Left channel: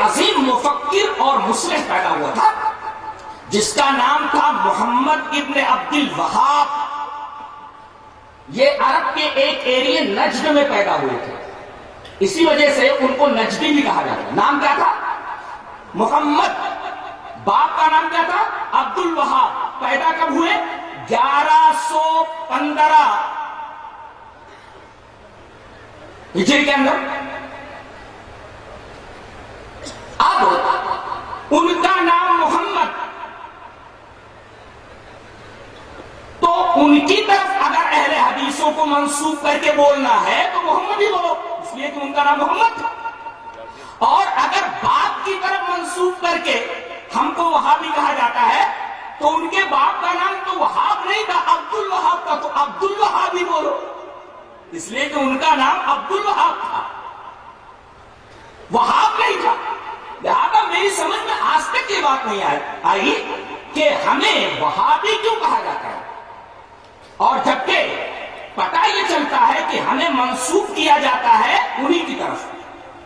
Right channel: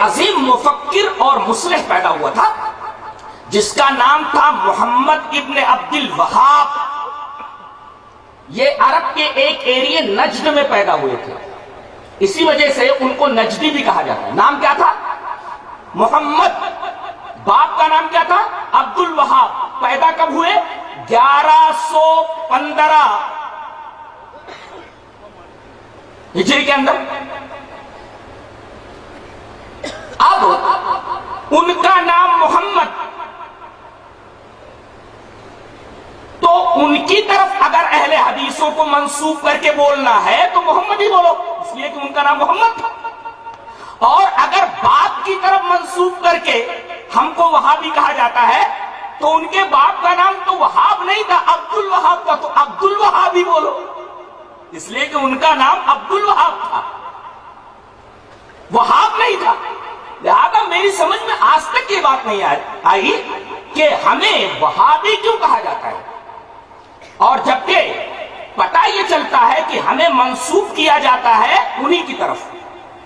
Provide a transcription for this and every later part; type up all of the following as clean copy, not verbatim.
ایک عظیم مفکر اور مصلح پیدا ہوا تھا جس کا نام تھا محمد ابن عبد الوہاب. یہ عرب کے ایک ایریے نجد میں پیدا ہوئے تھے، اسی وجہ سے ان کو نجدی بھی کہا جاتا ہے. نام کیا تھا؟ محمد. باپ کا نام کیا تھا؟ عبد الوہاب. پیدا کب ہوئے؟ 1115 ہجری کے اندر. اب ان کا نام محمد، تو ان کی طرف اگر اہل حدیثوں کو منسوب کر کے بولنا ہے تو محمد ہی بولو، اس لیے کہ ان کا نام محمد تھا. اور اگر باپ کی طرف منسوب کر کے ہم کو وہابی کہا جاتا ہے تو ان کے باپ کا نام تو وہاب نہیں تھا، عبد الوہاب تھا، تو عبد الوہاب ہی بولو، اس لیے کہ ان کا نام عبد الوہاب تھا، وہاب نہیں تھا. لہذا میری سمجھ میں آج تک یہ بات نہیں آئی کہ ہمیں وہابی کیوں کہا جاتا ہے، اور جبکہ پتہ یہ چلتا ہے کہ ہمیں منسوب کیا جاتا ہے انہی کی طرف،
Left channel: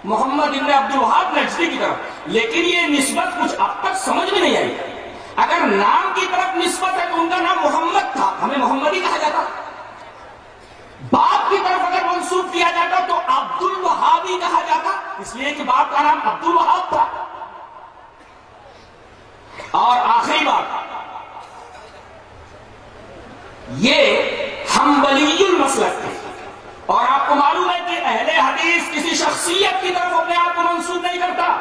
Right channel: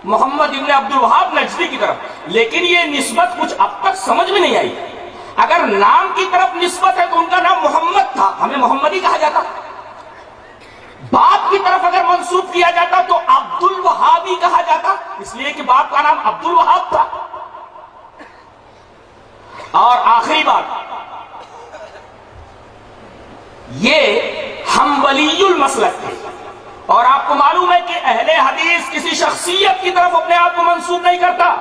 محمد ابن عبد الوہاب نجدی کی طرف. لیکن یہ نسبت کچھ اب تک سمجھ میں نہیں آئی. اگر نام کی طرف نسبت ہے تو ان کا نام محمد تھا، ہمیں محمد ہی کہا جاتا. باپ کی طرف اگر منسوب کیا جاتا تو عبد الوہاب ہی کہا جاتا، اس لیے کہ باپ کا نام عبد الوہاب تھا. اور آخری بات، یہ حنبلی المسلک تھے، اور آپ کو معلوم ہے کہ اہل حدیث کسی شخصیت کی طرف اپنے آپ کو منسوب نہیں کرتا،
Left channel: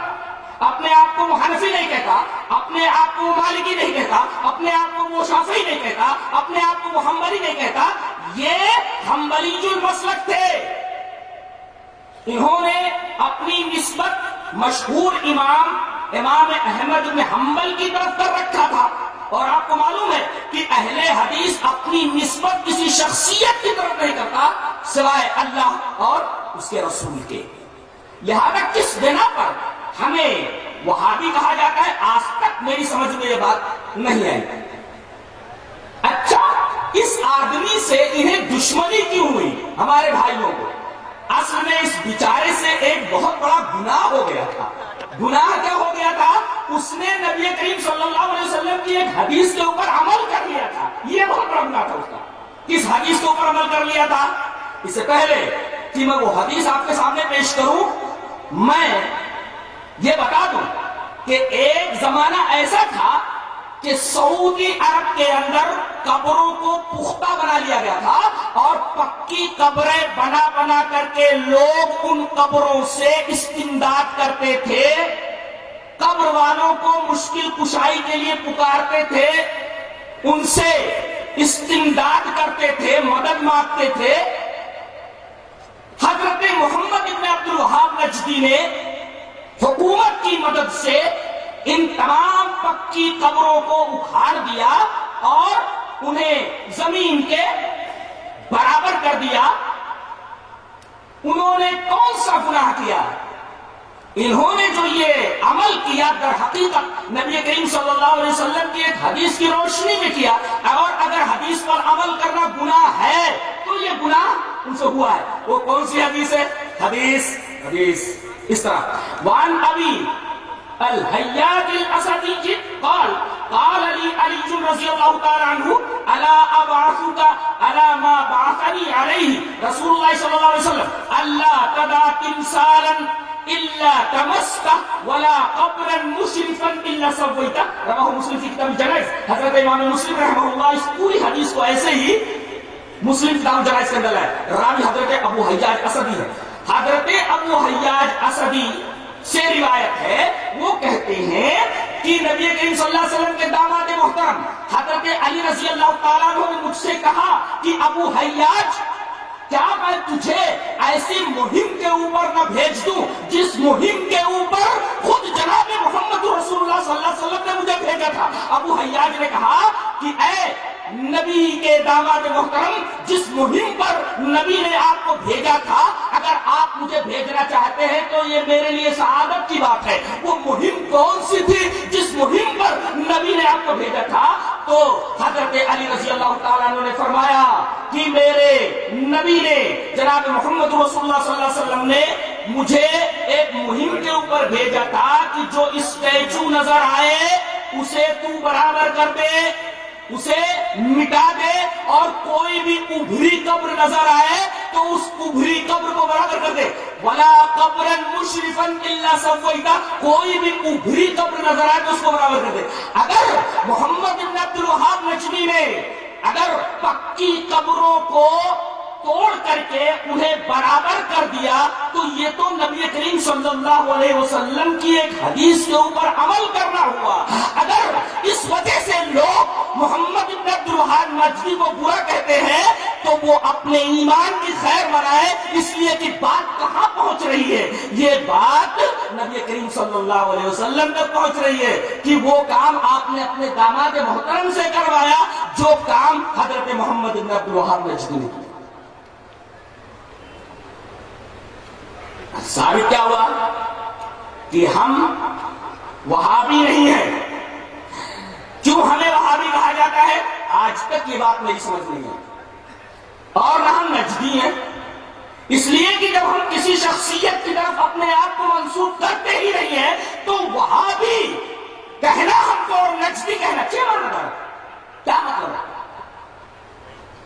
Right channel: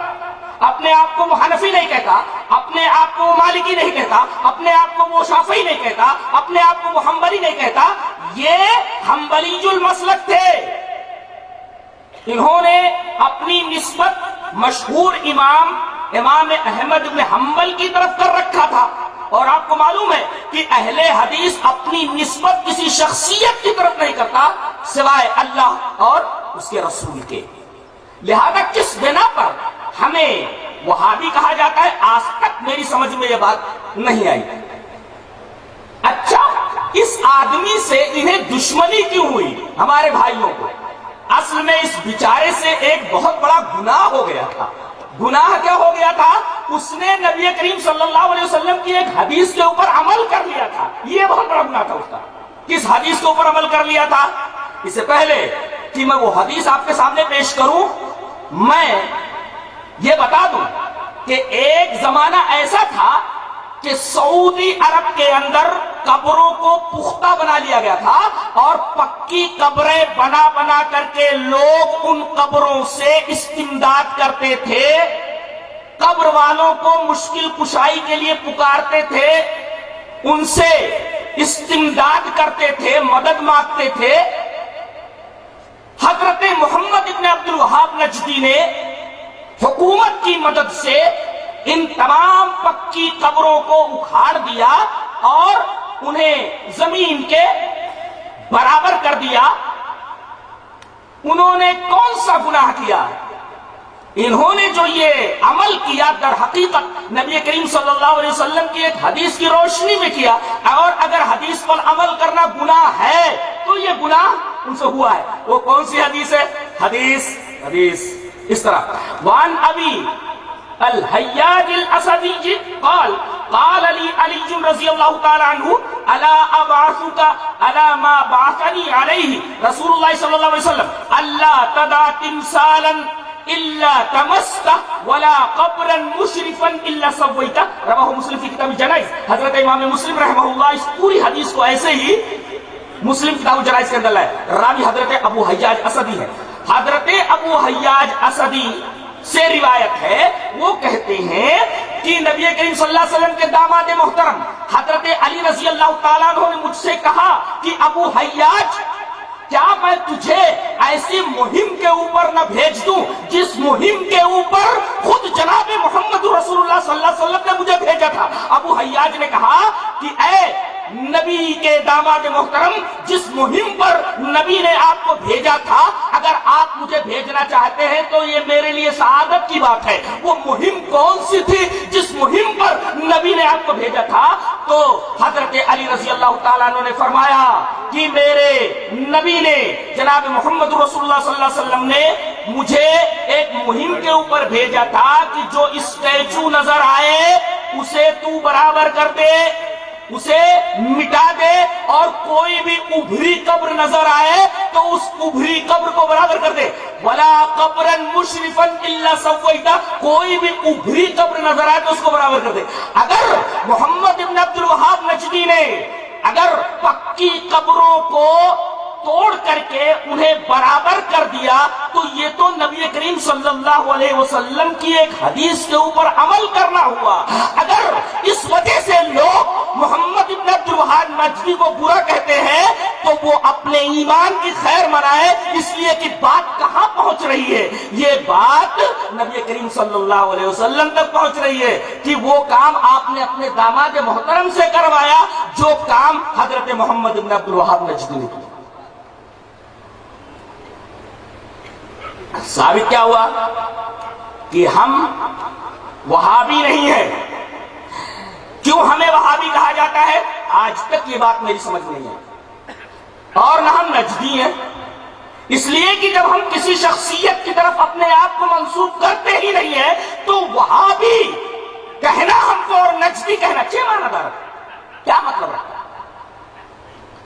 اپنے آپ کو وہ حنفی نہیں کہتا، اپنے آپ کو وہ مالکی نہیں کہتا، اپنے آپ کو وہ شافعی نہیں کہتا، اپنے آپ کو وہ حنبلی نہیں کہتا. یہ حنبلی المسلک تھے. انہوں نے اپنی نسبت مشہور امام احمد بن حنبل کی طرف کر رکھا تھا. اور آپ کو معلوم ہے کہ اہل حدیث اپنی نسبت کسی شخصیت کی طرف نہیں کرتا سوائے اللہ اور اس کے رسول کے. لہذا کس بنا پر ہمیں وہابی کہا جاتا ہے، آج تک میری سمجھ میں یہ بات نہیں آئی. اچھا، اس آدمی سے انہیں دشمنی کیوں ہوئی ہمارے بھائیوں کو؟ اصل میں اس بیچارے سے ایک بہت بڑا گناہ ہو گیا تھا. گناہ کیا ہو گیا تھا؟ اس نے نبی کریم صلی اللہ علیہ وسلم کی ایک حدیث کے اوپر عمل کر لیا تھا. یہ بہت بڑا گناہ تھا اس کا. کس حدیث کے اوپر عمل کر لیا تھا؟ اس سے پہلے کہ میں وہ حدیث آپ کے سامنے پیش کروں، میں یہ بتا دوں کہ ایک زمانہ ایسا تھا کہ سعودی عرب کے اندر قبروں کو پختہ بنا لیا گیا تھا، اور پکی قبریں بنا بنا کر کے لوگ ان قبروں سے استمداد کرتے تھے، قبر والوں کو مشکل کشائی کے لیے پکارتے تھے، ان سے استمداد کرتے تھے، مدد مانگتے تھے. حضرت محمد ابن عبد الوہاب نجدی نے حکومت کی مدد سے ان تمام پکی قبروں کو اکھاڑ دیا اور انہیں زمین کے برابر کر دیا. انہوں نے کون سا گناہ کیا؟ انہوں نے جو یہ عمل کیا در حقیقت نبی کریم صلی اللہ علیہ وسلم کی ایک حدیث کی روشنی میں کیا. اور اگر حدیث پر عمل کرنا گناہ ہے تو یہ گناہ ان سے ہوا ہے. وہ کون سی حدیث ہے؟ حدیث اس طرح، وان ابی الحیاج الاسدی قال قال علی رضی اللہ تعالی عنہ الا ابعثک الا ما بعثنی علیہ رسول اللہ صلی اللہ علیہ وسلم الا تدع تمثالا الا تمسته ولا قبرا مشرفا الا سويته. رواہ مسلم فی کتاب الجنائز. حضرت امام مسلم رحمہ اللہ اس پوری حدیث کو ایسے ہی مسلم کتاب الجنائز کے اندر لائے. راوی حضرت ابو حیاج اسدی ہے. حضرت ابو حیاج اسدی سے روایت ہے، وہ کہتے ہیں کہ نبی کریم صلی اللہ علیہ وسلم کے داماد محترم حضرت علی رضی اللہ تعالیٰ عنہ نے مجھ سے کہا کہ ابو حیاج، کیا میں تجھے ایسی مہم کے اوپر نہ بھیج دوں جس مہم کے اوپر خود جناب محمد رسول اللہ صلی اللہ علیہ وسلم نے مجھے بھیجا تھا؟ ابو حیاج نے کہا کہ اے نبی کے داماد محترم، جس مہم پر نبی نے آپ کو بھیجا تھا، اگر آپ مجھے بھیجنا چاہتے ہیں تو یہ میرے لیے سعادت کی بات ہے. وہ مہم کون سی تھی جس مہم پر نبی نے آپ کو بھیجا تھا؟ تو حضرت علی رضی اللہ تعالیٰ عنہ نے فرمایا کہ میرے نبی نے، جناب محمد رسول اللہ صلی اللہ علیہ وسلم نے مجھے ایک مہم کے اوپر بھیجا تھا کہ جو اسٹیچو نظر آئے اسے تو برابر کر دے، اسے مٹا دے، اور کوئی بھی ابھری قبر نظر آئے تو اس ابھری قبر کو برابر کر دے۔ وَلَا قَبْرًا مُشْرِفًا إِلَّا سَوَّيْتَهُ، کوئی بھی ابھری قبر نظر آئے تو اس کو برابر کر دے۔ اگر محمد ابن عبد الوہاب نجدی نے اگر پکی قبروں کو توڑ کر کے انہیں برابر کر دیا تو یہ تو نبی کریم صلی اللہ علیہ وسلم کی ایک حدیث کے اوپر عمل کرنا ہوا۔ اگر اس وجہ سے لوگ محمد ابن عبد الوہاب نجدی کو برا کہتے ہیں تو وہ اپنے ایمان کی خیر منائے، اس لیے کہ بات کہاں پہنچ رہی ہے؟ یہ بات نبی کریم صلی اللہ علیہ وسلم تک پہنچ رہی ہے کہ وہ کام آپ نے اپنے داماد محترم سے کروایا جو کام حضرت محمد ابن عبد الوہاب نجدی نے کیا۔ ثابت کیا ہوا کہ ہم وہابی نہیں ہیں۔ کیوں ہمیں وہابی کہا جاتا ہے؟ آج تک یہ بات میری سمجھ نہیں ہے۔ اور نہ ہم نجدی ہیں، اس لیے کہ جب ہم کسی شخصیت کی طرف اپنے آپ کو منسوب کرتے ہی نہیں ہیں تو وہابی کہنا ہم کو اور نجدی کہنا کیا مانا دار، کیا مطلب ہے؟